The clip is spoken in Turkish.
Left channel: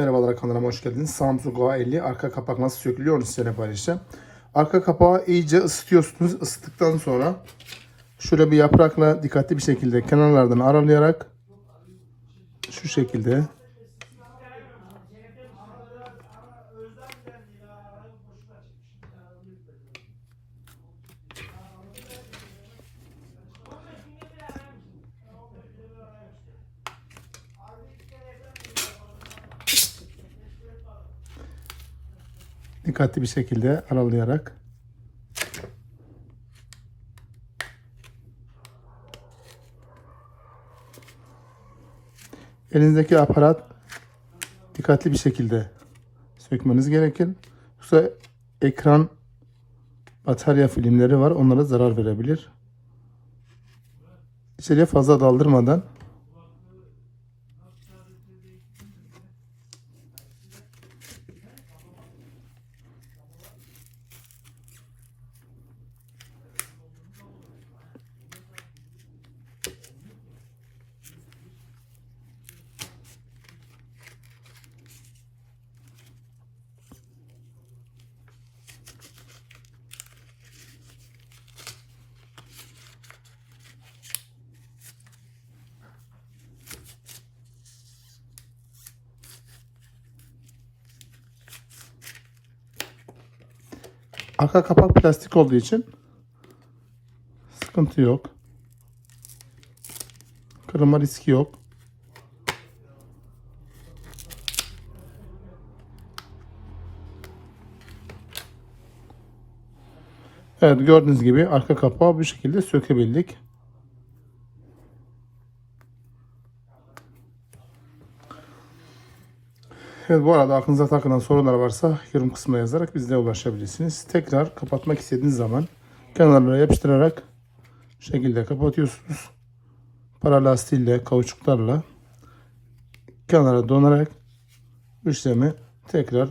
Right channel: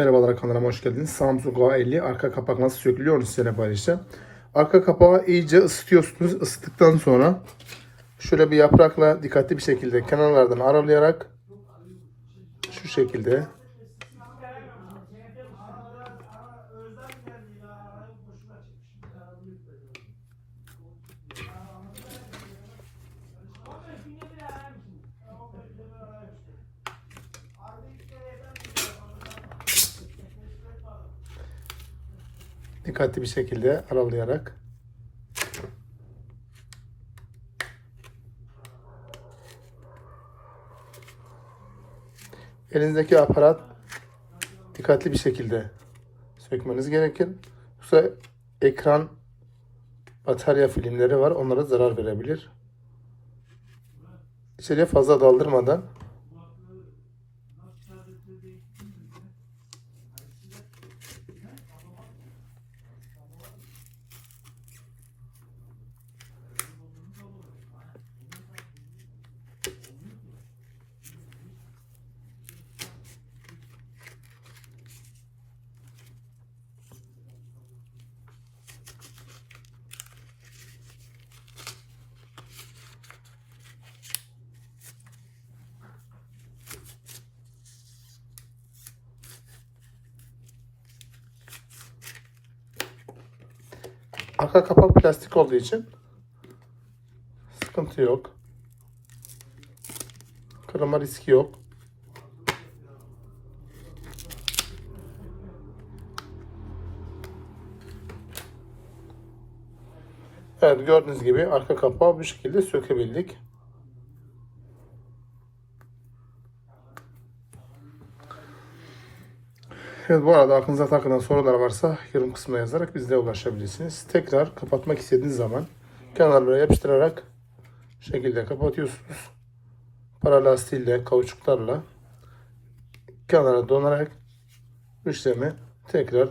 Merhabalar kanalıma hoş geldiniz. Samsung A50 arka kapak nasıl sökülüyor onu size paylaşacağım. Arka kapağı iyice ısıtıyorsunuz. Isıttıktan sonra şöyle bir yaprakla dikkatli bir şekilde kenarlardan aralayarak şu şekilde dikkatli bir şekilde aralayarak elinizdeki aparat dikkatli bir şekilde sökmeniz gerekir. Yoksa ekran batarya filmleri var. Onlara zarar verebilir. İçeriye fazla daldırmadan Arka kapak plastik olduğu için sıkıntı yok. Kırılma riski yok. Evet gördüğünüz gibi arka kapağı bu şekilde sökebildik. Evet bu arada aklınıza takılan sorular varsa yorum kısmına yazarak bizlere ulaşabilirsiniz. Tekrar kapatmak istediğiniz zaman kenarlara yapıştırarak bu şekilde kapatıyorsunuz. Para lastiğiyle, kauçuklarla kenara donarak işlemi tekrar